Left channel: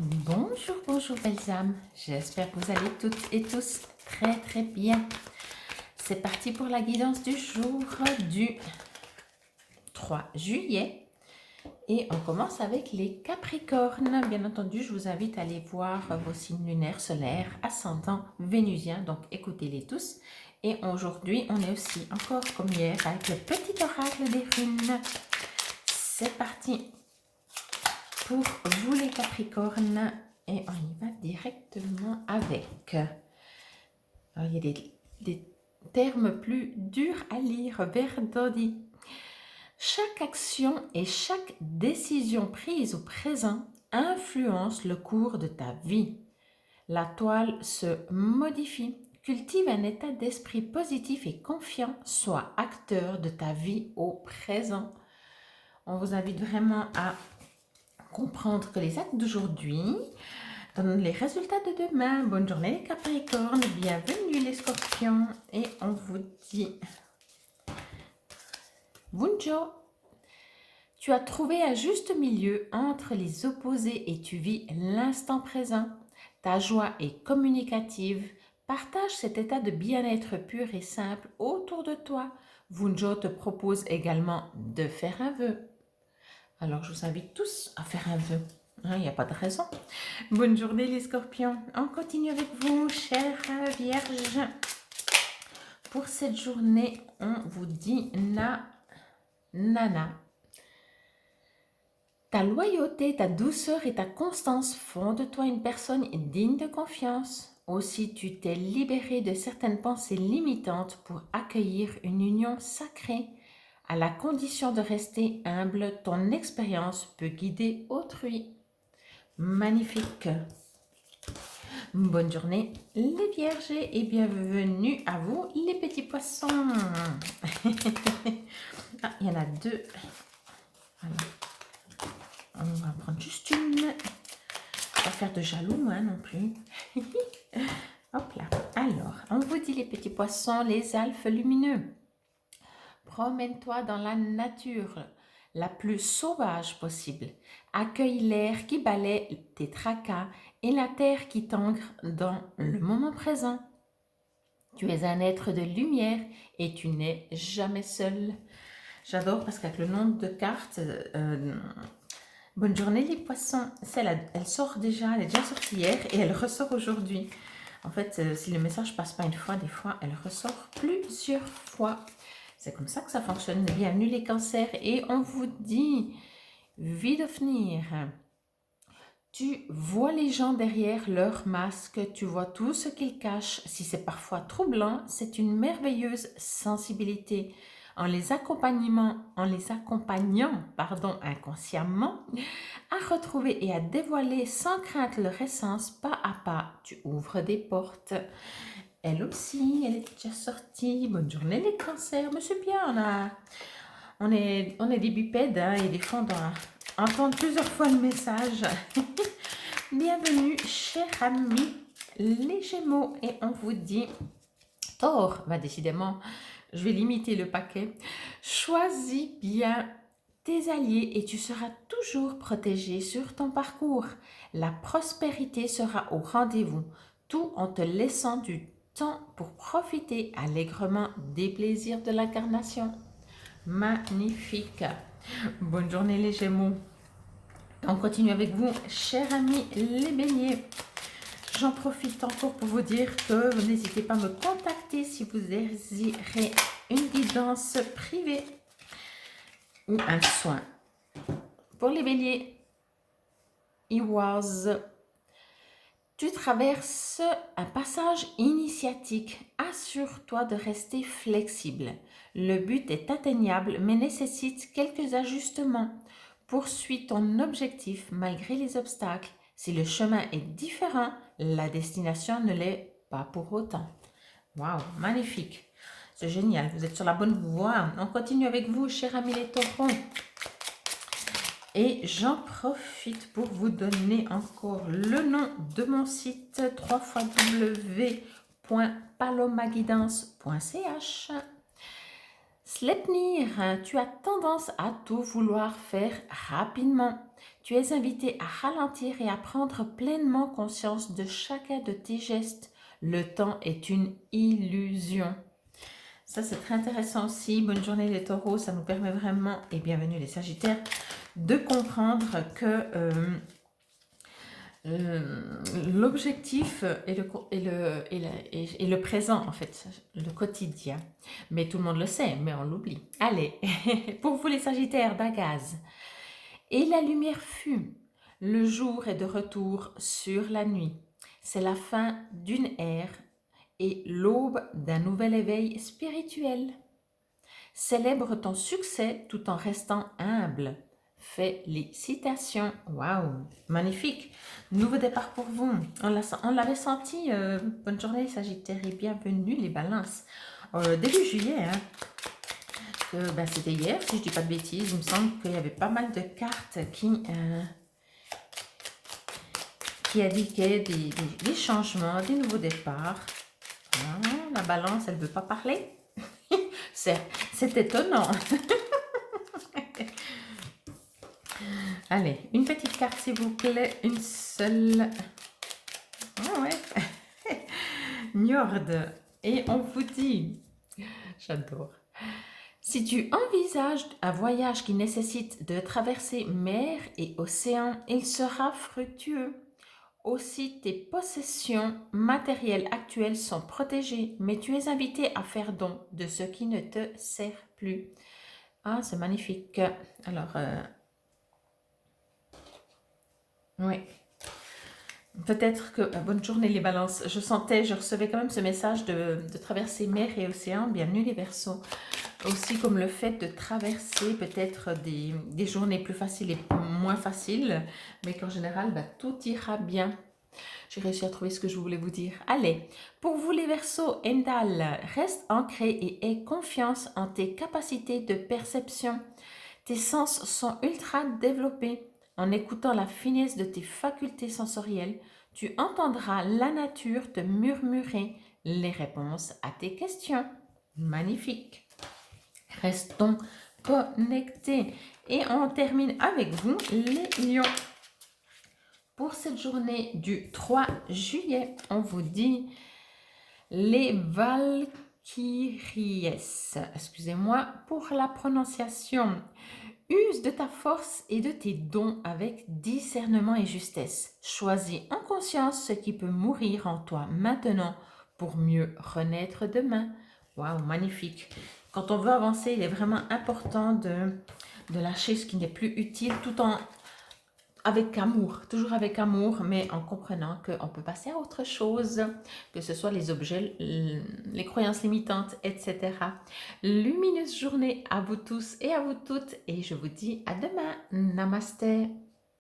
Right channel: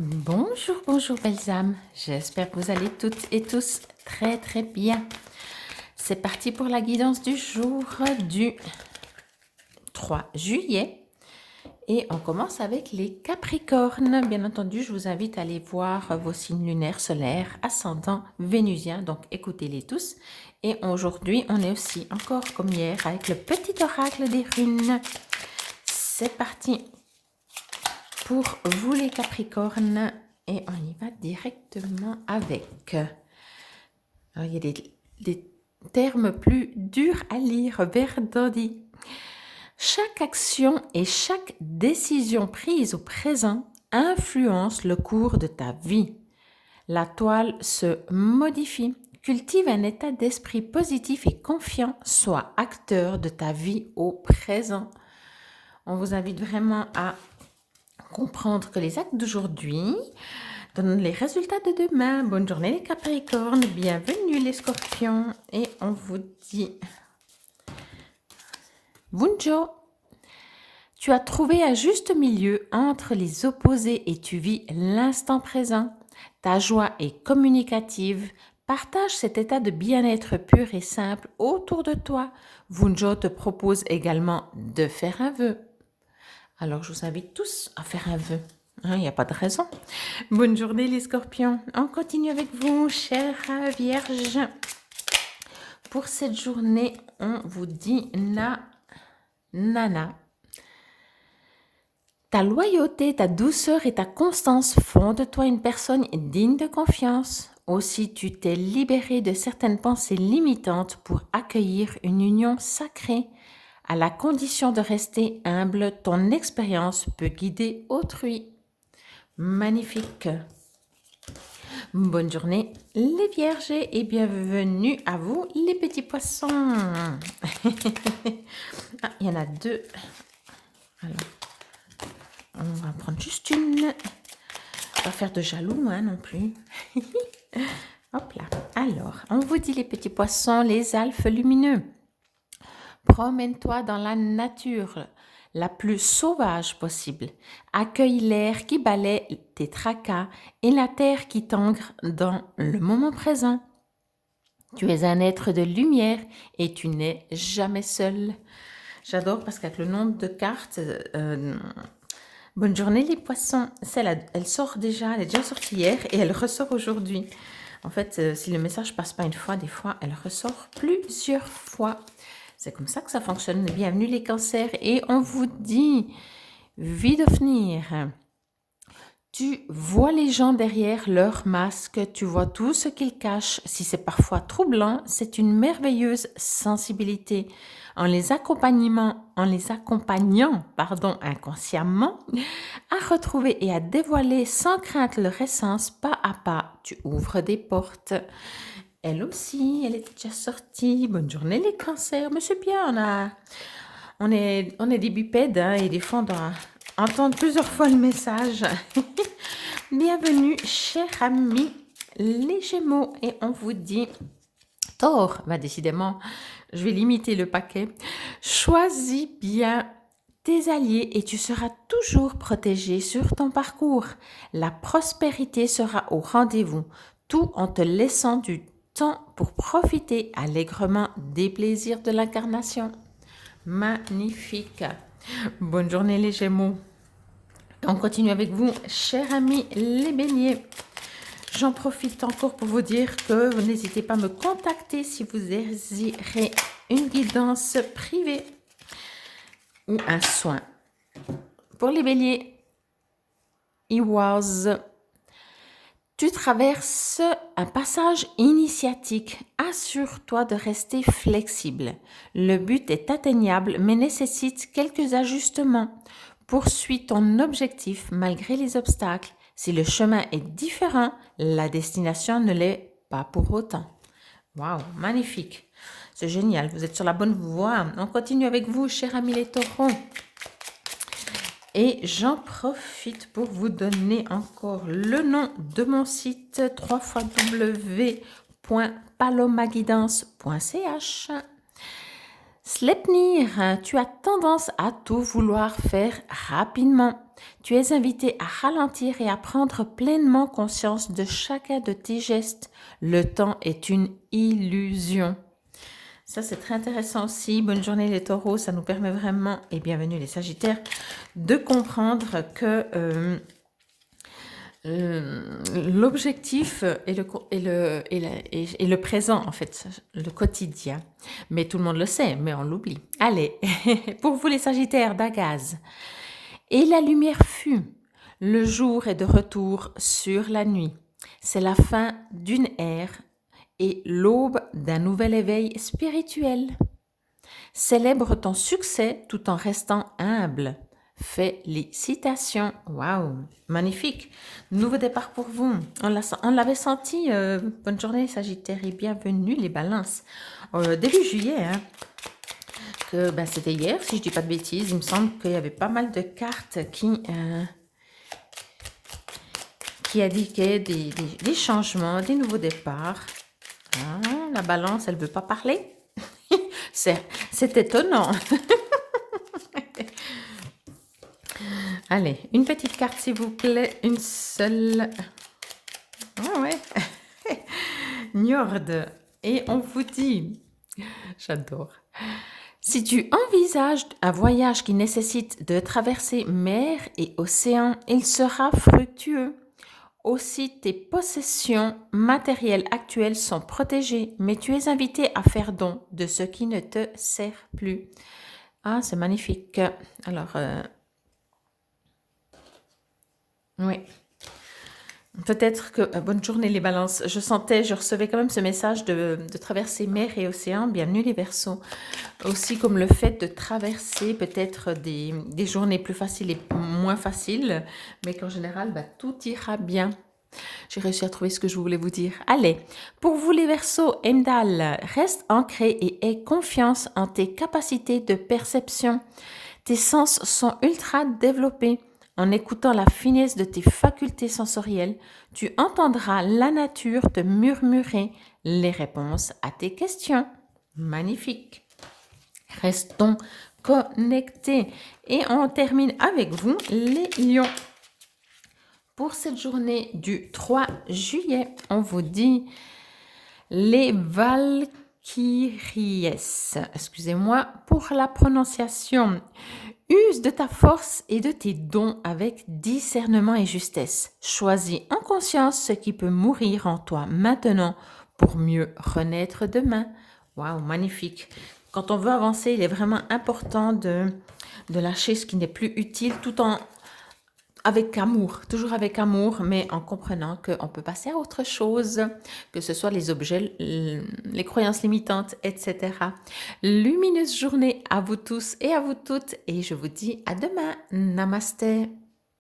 Bonjour, bonjour belles âmes. J'espère que vous allez toutes et tous très très bien. C'est parti pour la guidance du jour du 3 juillet. Et on commence avec les Capricornes. Bien entendu, je vous invite à aller voir vos signes lunaires, solaires, ascendants, vénusiens. Donc écoutez-les tous. Et aujourd'hui, on est aussi encore comme hier avec le petit oracle des runes. C'est parti pour vous les Capricornes. Et on y va directement avec. Alors, il y a des termes plus durs à lire. Verdodi. Chaque action et chaque décision prise au présent influence le cours de ta vie. La toile se modifie. Cultive un état d'esprit positif et confiant. Sois acteur de ta vie au présent. On vous invite vraiment à comprendre que les actes d'aujourd'hui donnent les résultats de demain. Bonne journée les Capricornes, bienvenue les Scorpions. Et on vous dit Bunjo. Tu as trouvé un juste milieu entre les opposés et tu vis l'instant présent. Ta joie est communicative. Partage cet état de bien-être pur et simple autour de toi. Vunjo te propose également de faire un vœu. Alors, je vous invite tous à faire un vœu. Il n'y a pas de raison. Bonne journée les Scorpions. On continue avec vous, chère Vierge. Pour cette journée, on vous dit Nana. Ta loyauté, ta douceur et ta constance font de toi une personne digne de confiance. Aussi, tu t'es libéré de certaines pensées limitantes pour accueillir une union sacrée. À la condition de rester humble, ton expérience peut guider autrui. Magnifique. Bonne journée les Vierges et bienvenue à vous les petits poissons. Ah, il y en a deux. Alors, on va prendre juste une. Pas faire de jaloux non plus. Hop là. Alors, on vous dit les petits poissons, les alphes lumineux. Promène-toi dans la nature la plus sauvage possible. Accueille l'air qui balaie tes tracas et la terre qui t'ancre dans le moment présent. Tu es un être de lumière et tu n'es jamais seul. J'adore parce qu'avec le nombre de cartes, bonne journée les poissons, elle sort déjà, elle est déjà sortie hier et elle ressort aujourd'hui. En fait, si le message passe pas une fois, des fois, elle ressort plusieurs fois. C'est comme ça que ça fonctionne. Bienvenue les cancers et on vous dit, Vidofnir, tu vois les gens derrière leur masque, tu vois tout ce qu'ils cachent. Si c'est parfois troublant, c'est une merveilleuse sensibilité. En les accompagnant inconsciemment, à retrouver et à dévoiler sans crainte leur essence, pas à pas, tu ouvres des portes. Elle aussi, elle est déjà sortie. Bonne journée les cancers. Mais c'est bien, on est des bipèdes et des fois on doit entendre plusieurs fois le message. Bienvenue, chers amis, les Gémeaux. Et on vous dit, Taureau, décidément, je vais limiter le paquet. Choisis bien tes alliés et tu seras toujours protégé sur ton parcours. La prospérité sera au rendez-vous, tout en te laissant du temps pour profiter allègrement des plaisirs de l'incarnation. Magnifique. Bonne journée les Gémeaux. On continue avec vous, chers amis les Béliers. J'en profite encore pour vous dire que vous n'hésitez pas à me contacter si vous désirez une guidance privée ou un soin. Pour les Béliers, tu traverses un passage initiatique. Assure-toi de rester flexible. Le but est atteignable mais nécessite quelques ajustements. Poursuis ton objectif malgré les obstacles. Si le chemin est différent, la destination ne l'est pas pour autant. Waouh, magnifique. C'est génial, vous êtes sur la bonne voie. On continue avec vous, chers amis les taureaux. Et j'en profite pour vous donner encore le nom de mon site www.palomaguidance.ch. Sleipnir, tu as tendance à tout vouloir faire rapidement. tu es invité à ralentir et à prendre pleinement conscience de chacun de tes gestes. Le temps est une illusion. Ça, c'est très intéressant aussi. Bonne journée les taureaux, ça nous permet vraiment, et bienvenue les sagittaires, de comprendre que l'objectif est le présent, en fait, le quotidien. Mais tout le monde le sait, mais on l'oublie. Allez, pour vous les sagittaires d'Agaz. Et la lumière fut. Le jour est de retour sur la nuit. C'est la fin d'une ère et l'aube d'un nouvel éveil spirituel. Célèbre ton succès tout en restant humble. Félicitations. Waouh, magnifique. Nouveau départ pour vous. On l'avait senti. Bonne journée Sagittaire et bienvenue les balances. Début juillet, hein, c'était hier, si je ne dis pas de bêtises. Il me semble qu'il y avait pas mal de cartes qui indiquaient des changements, des nouveaux départs. Ah, la balance, elle ne veut pas parler. C'est étonnant. Allez, une petite carte s'il vous plaît, une seule. Ah ouais. Njord. Et on vous dit, j'adore. Si tu envisages un voyage qui nécessite de traverser mer et océan, il sera fructueux. Aussi, tes possessions matérielles actuelles sont protégées, mais tu es invité à faire don de ce qui ne te sert plus. Ah, c'est magnifique. Alors, oui. Peut-être que, bonne journée les balances, je recevais quand même ce message de traverser mer et océan, bienvenue les Verseaux. Aussi comme le fait de traverser peut-être des journées plus faciles et moins faciles, mais qu'en général, tout ira bien. J'ai réussi à trouver ce que je voulais vous dire. Allez, pour vous les Verseaux, Endal, reste ancré et aie confiance en tes capacités de perception. Tes sens sont ultra développés. En écoutant la finesse de tes facultés sensorielles, tu entendras la nature te murmurer les réponses à tes questions. Magnifique. Restons connectés. Et on termine avec vous, les lions. Pour cette journée du 3 juillet, on vous dit les Valkyries. Excusez-moi pour la prononciation. Use de ta force et de tes dons avec discernement et justesse. Choisis en conscience ce qui peut mourir en toi maintenant pour mieux renaître demain. Waouh, magnifique. Quand on veut avancer, il est vraiment important de lâcher ce qui n'est plus utile tout en avec amour, toujours avec amour, mais en comprenant qu'on peut passer à autre chose, que ce soit les objets, les croyances limitantes, etc. Lumineuse journée à vous tous et à vous toutes, et je vous dis à demain. Namasté.